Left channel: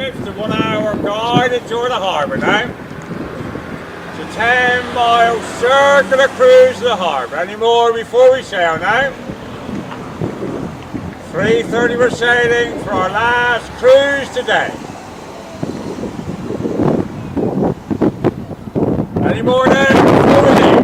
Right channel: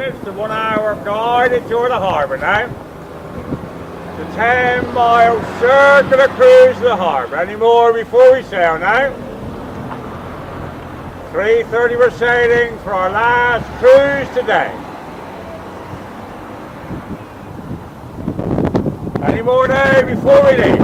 It's the 1 hour guided tour of the harbour now. It's a 10-mile circular cruise to the harbour. Any more before we sail now? 3:30 we're sailing for our last cruise today. Any more now before we leave?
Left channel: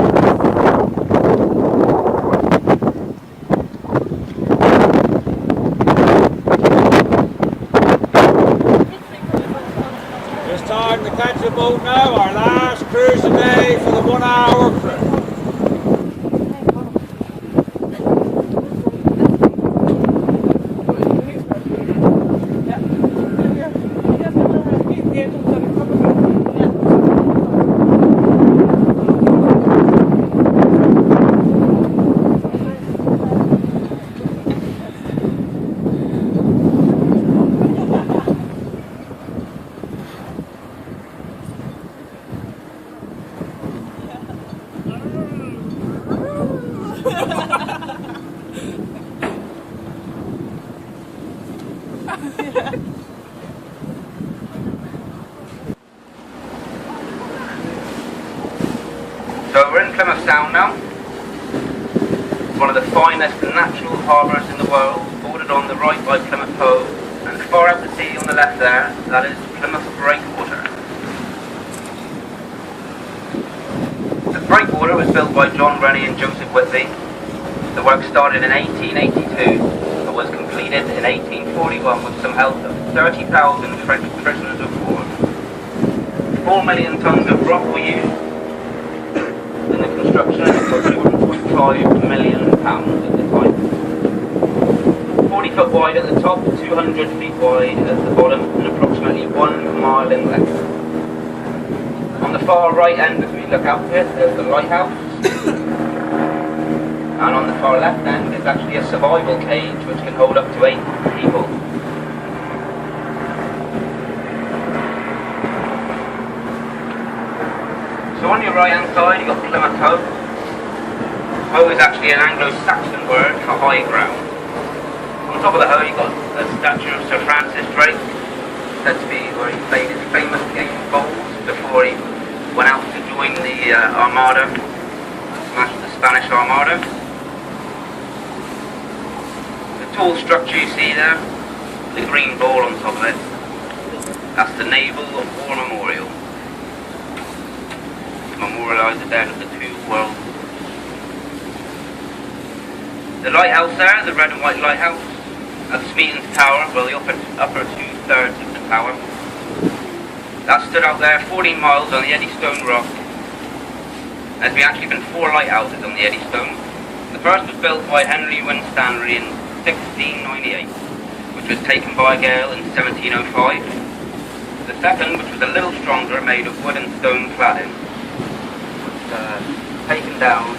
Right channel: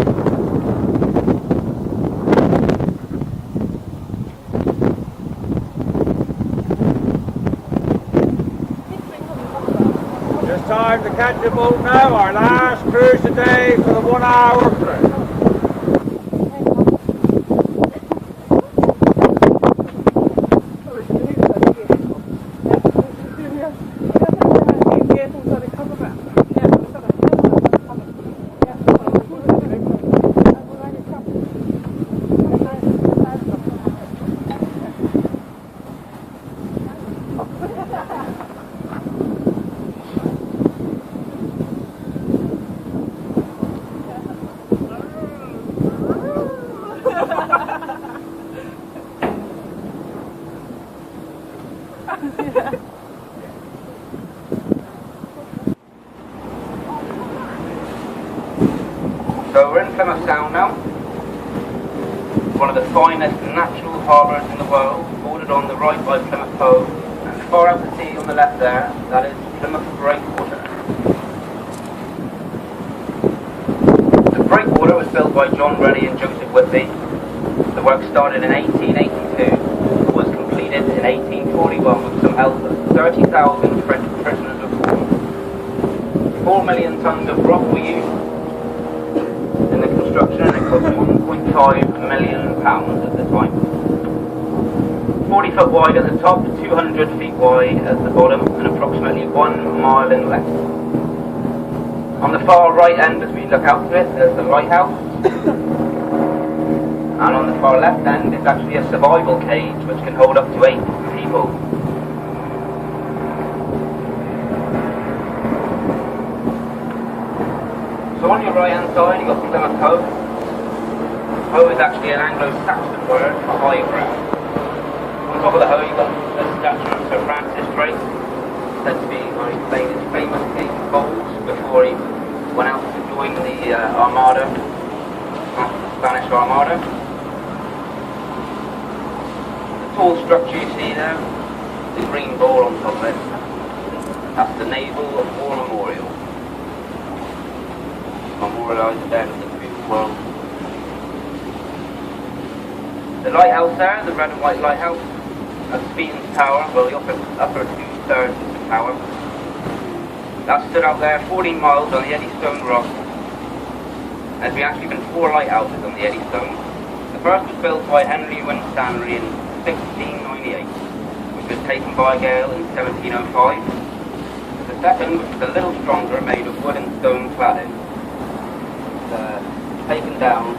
Time to catch the boat now, our last cruise today for the 1 hour cruise. So we're in Plymouth Sound now, one of the finest natural harbours in the world, bordered on the right by Plymouth Cove, and far out to sea on the left there, that is Plymouth Breakwater. The Breakwater was built by John Rennie and Joseph Whitby. The work started in 1882, but was completed in 1841 with some help of 30,000 French prisoners of war. 4 million tons of rock were used in the construction, and it cost £1.5 million at the time. 40 foot wide at the top, 200 feet wide at the bottom, and approximately 1 mile in length. On the far right end, as we look out to it, there's the lighthouse. And on the far left end is actually a survival cage which can hold up to 8 people. So on your right hand side you've got Plymouth Hoe. Hoe is actually an Anglo-Saxon word for high ground. On top of the hoe you've got the statue of Sir Francis Drake, said to be where he played his famous game of bowls before he went out to join the Armada, smash the Spanish Armada. The tall structure you see there, the green ball on top of it, that's the Naval War Memorial. Memorialise the dead of the 2 world wars. The lighthouse there, the red and white lighthouse, that's Smeaton's Tower, well the upper 2/3 of the tower. That stood out there 14 miles on the Eddystone Rock. There's actually been 4 lighthouses on the Eddystone. The first was built by Henry Winstanley in 1698, which was taken by a gale in 1705. The second, which was a little stronger, made of wood and stone cladding, taken down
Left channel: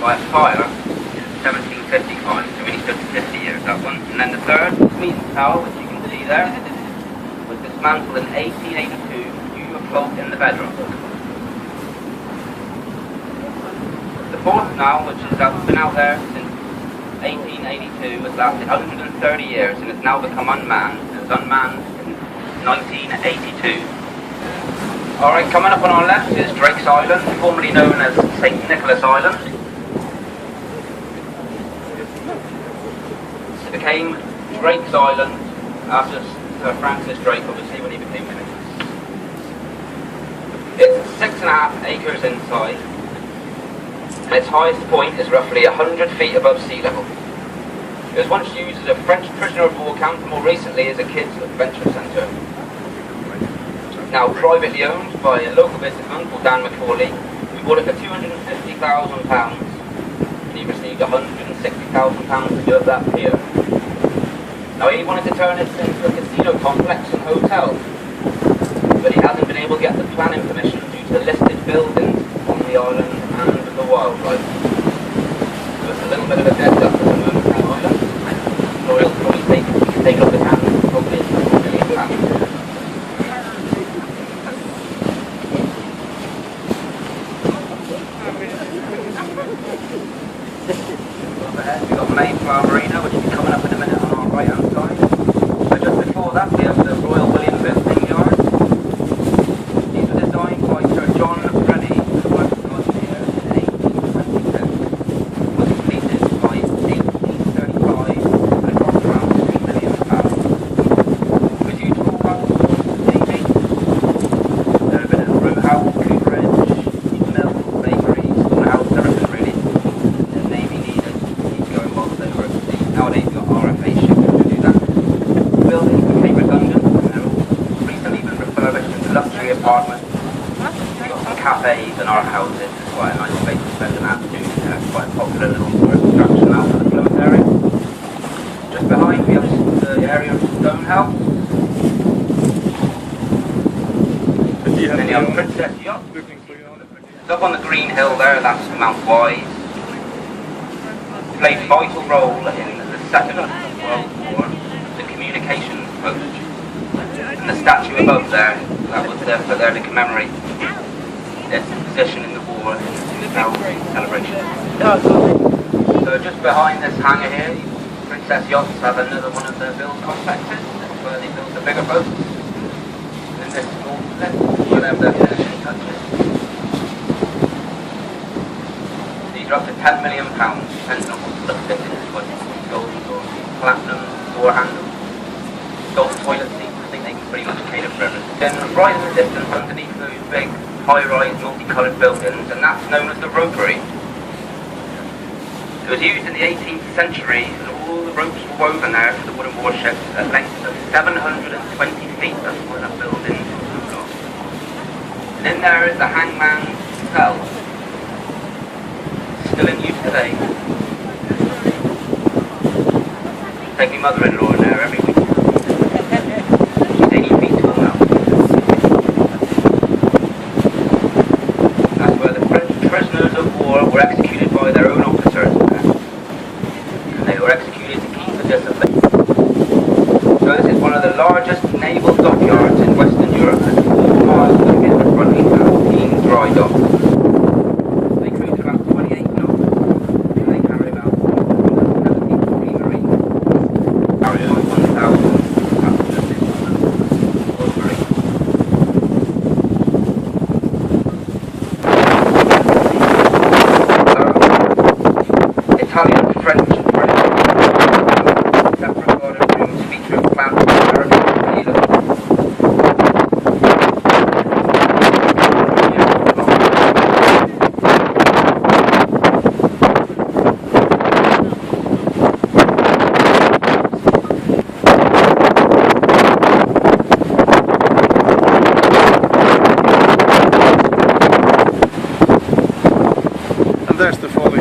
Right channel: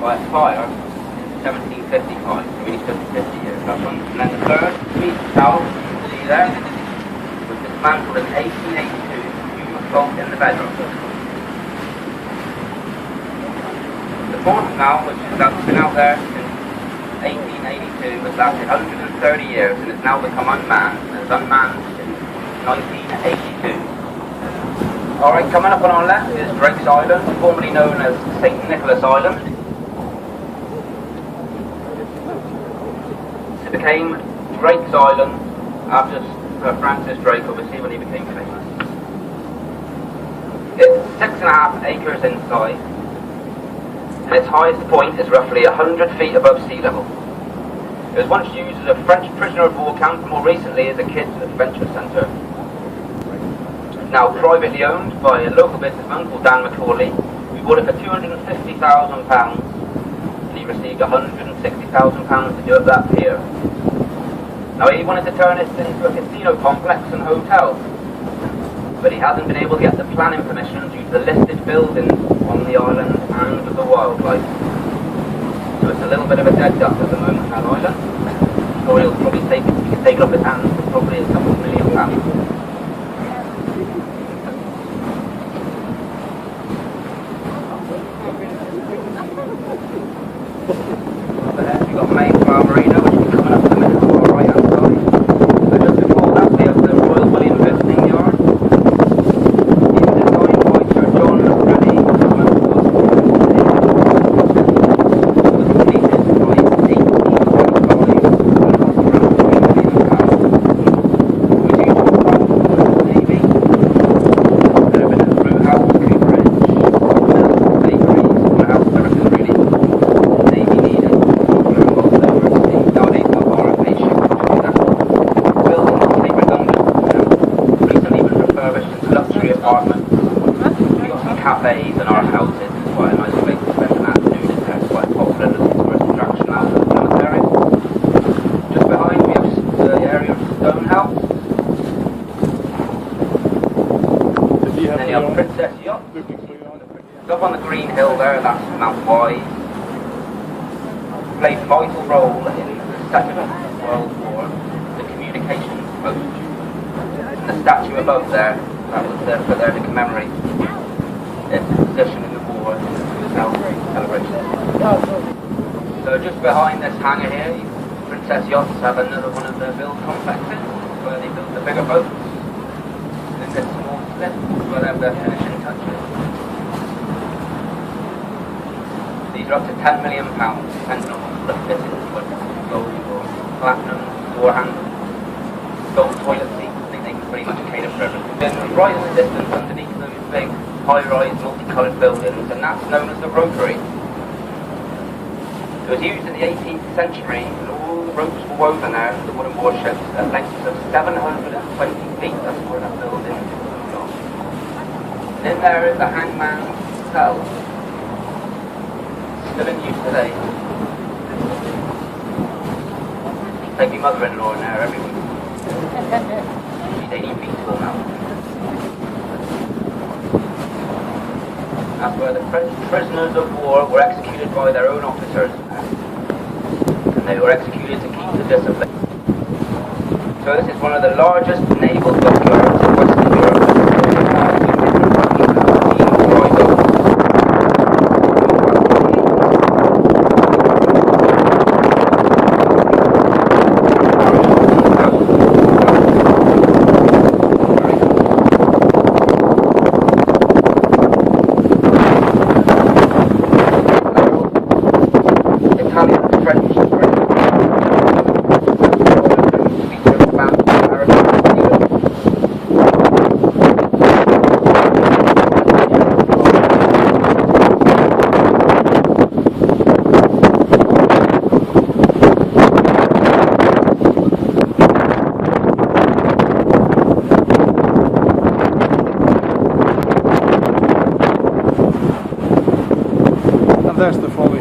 by a fire in 1755, so we stood 50 years, that one. And then the third, Smeaton's Tower, which you can see there, was dismantled in 1882 due to a fault in the bedrock. The fourth now, which has been out there since 1882, has lasted 130 years and has now become unmanned. It was unmanned since 1982. Alright, coming up on our left is Drake's Island, formerly known as St. Nicholas Island. It became Drake's Island after Sir Francis Drake, obviously, when he became famous. It's 6.5 acres in size, and its highest point is roughly 100 feet above sea level. It was once used as a French prisoner of war camp, and more recently as a kids' adventure centre. Now privately owned by a local businessman called Dan McCauley, who bought it for £250,000, and he received £160,000 to do up that pier. Now he wanted to turn it into a casino complex and hotel, but he hasn't been able to get the planning permission due to the listed buildings on the island and the wildlife. So it's a little bit of a dead duck at the moment, that island. Or he'll probably take it off his hands, probably a couple of £1 million. We've got Mayflower Marina, which will be coming up in a minute on our right hand side. So just before that we have the Royal William Fitzing green hill there, that's Mount Wise. Played a vital role in the Second World War, the communications post. And the statue above there, that was there put there to commemorate its position in the war and celebration. So just behind this hangar here, Princess Yachts have another one of their build complexes where they build the bigger boats. And in this small bit, where they have their finishing touches. These are up to £10 million, depending on the fittings, whether it's gold or platinum, door handles, gold toilet seats. I think they can pretty much cater for everything. Then right in the distance underneath those big high-rise multicoloured buildings, and that's known as the ropery. It was used in the 18th century, and all the ropes were woven there for the wooden warships at lengths of 720 feet. That's why that building is so long. And in there is the hangman's cell, still in use today. Take my mother-in-law in there every week. She's 80 feet tall now. That's where the French prisoners of war were executed by their own officers. And they were executed to keep the discipline. So this is one of the largest naval dockyards in Western Europe. 4 miles of river-fronting dry docks. Italian, French, And there's the folly.